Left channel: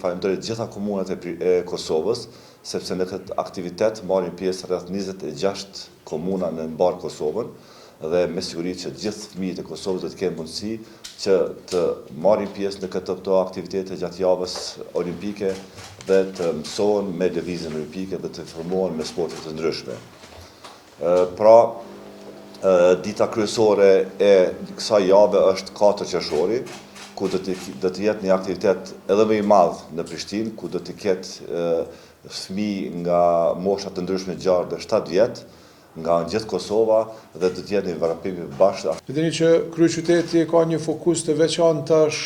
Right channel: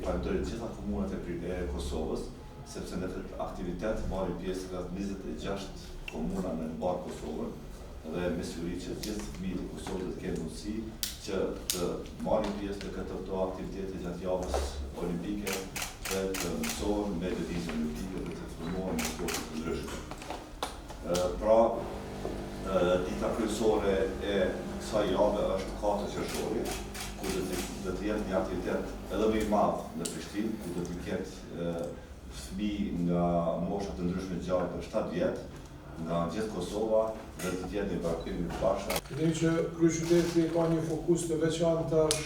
Falenderoj gjitha komunat e Kosovës, sepse në këtë aktivitet marrin pjesë rreth 26 komuna në mbar Kosovën dhe me siguri që gjithë fëmijët e Kosovës do të kenë mundësi që të marrin pjesë në këto aktivitete gjatë javës olimpike dhe të mësohen me lëvizjen olimpike dhe të formohen me sporte të ndryshme. Pra, dita kryesore e kësaj jave është 4 qershori, ku do të jetë një aktivitet edhe më i madh në Prishtinë, ku do të ketë fëmijë nga mosha të ndryshme gjarë dhe 7 vjet, nga gjithë Kosova dhe do të jetë një varapim i bashkë. Dini që kryeqyteti ka një fokus të veçantë tash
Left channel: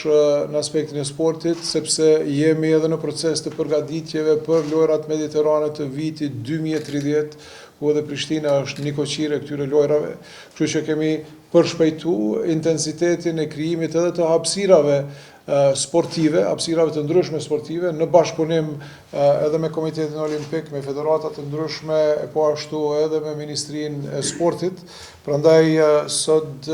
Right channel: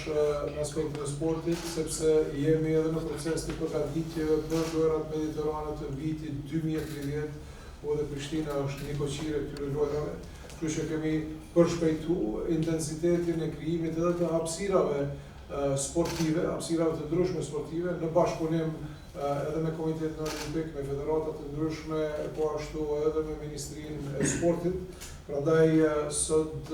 në aspektin e sportit, sepse jemi edhe në proces të përgatitjeve për lojrat mediterane të vitit 2030, ku edhe Prishtina është një koqire këtyre lojrave. Kështu që kemi përshpejtu intensitetin e krijimit edhe të hapësirave sportive, hapësirave të ndryshme sportive, në bashkëpunim edhe me Komitetin Olimpik, me federatat të ndryshme, po ashtu edhe me Ministrinë e Sportit. Prandaj sot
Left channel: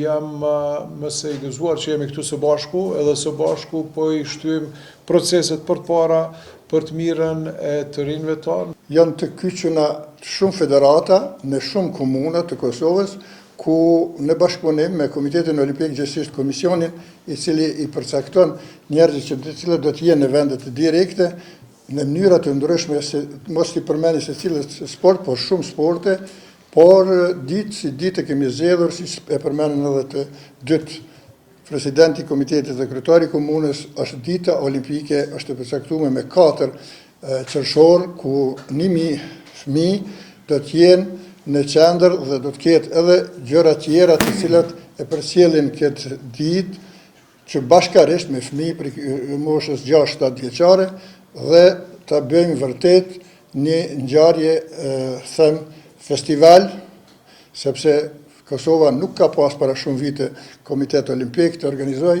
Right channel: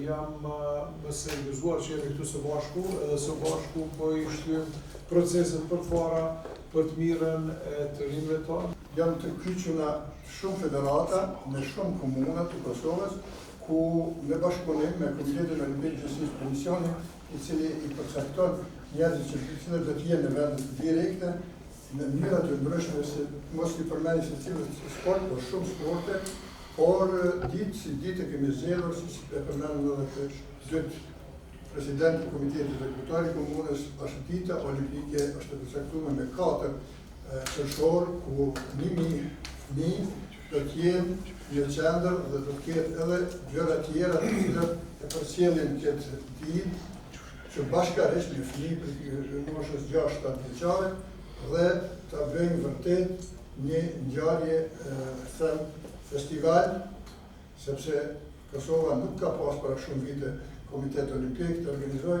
jam më së i gëzuar që jemi këtu së bashku, edhe së bashku po i shtyjmë proceset për para për të mirën e të rinjve tonë. Janë të kyçuna shumë federata në shumë komuna të Kosovës, ku në bashkëpunim me Komitetin Olimpik, gjithsesi komisionin i cili i përcakton njerëzit që të cilët do të jenë në vendet direkte në mënyra të ndryshme, mos i përmeni se cilët sport, por shumë sporte, por ditë si ditë kemi zgjedhur, si e përmenden edhe të dytë presidenti i komitetit dhe kryetari i komunës, është dita olimpike, është e përcaktuar me 4 qershor, ku 1000 fëmijë do të jenë në qendër dhe do të ketë edhe gjëra tjera të cilat e përcjellin këtë ditë, që bashkarisht me fëmijë për moshës 6-7 vjeçare dhe ta bëjmë vërtet një ngjarje, them, festival, sepse Kosova nuk ka pas para shumë vite Komitet Olimpik të organizoj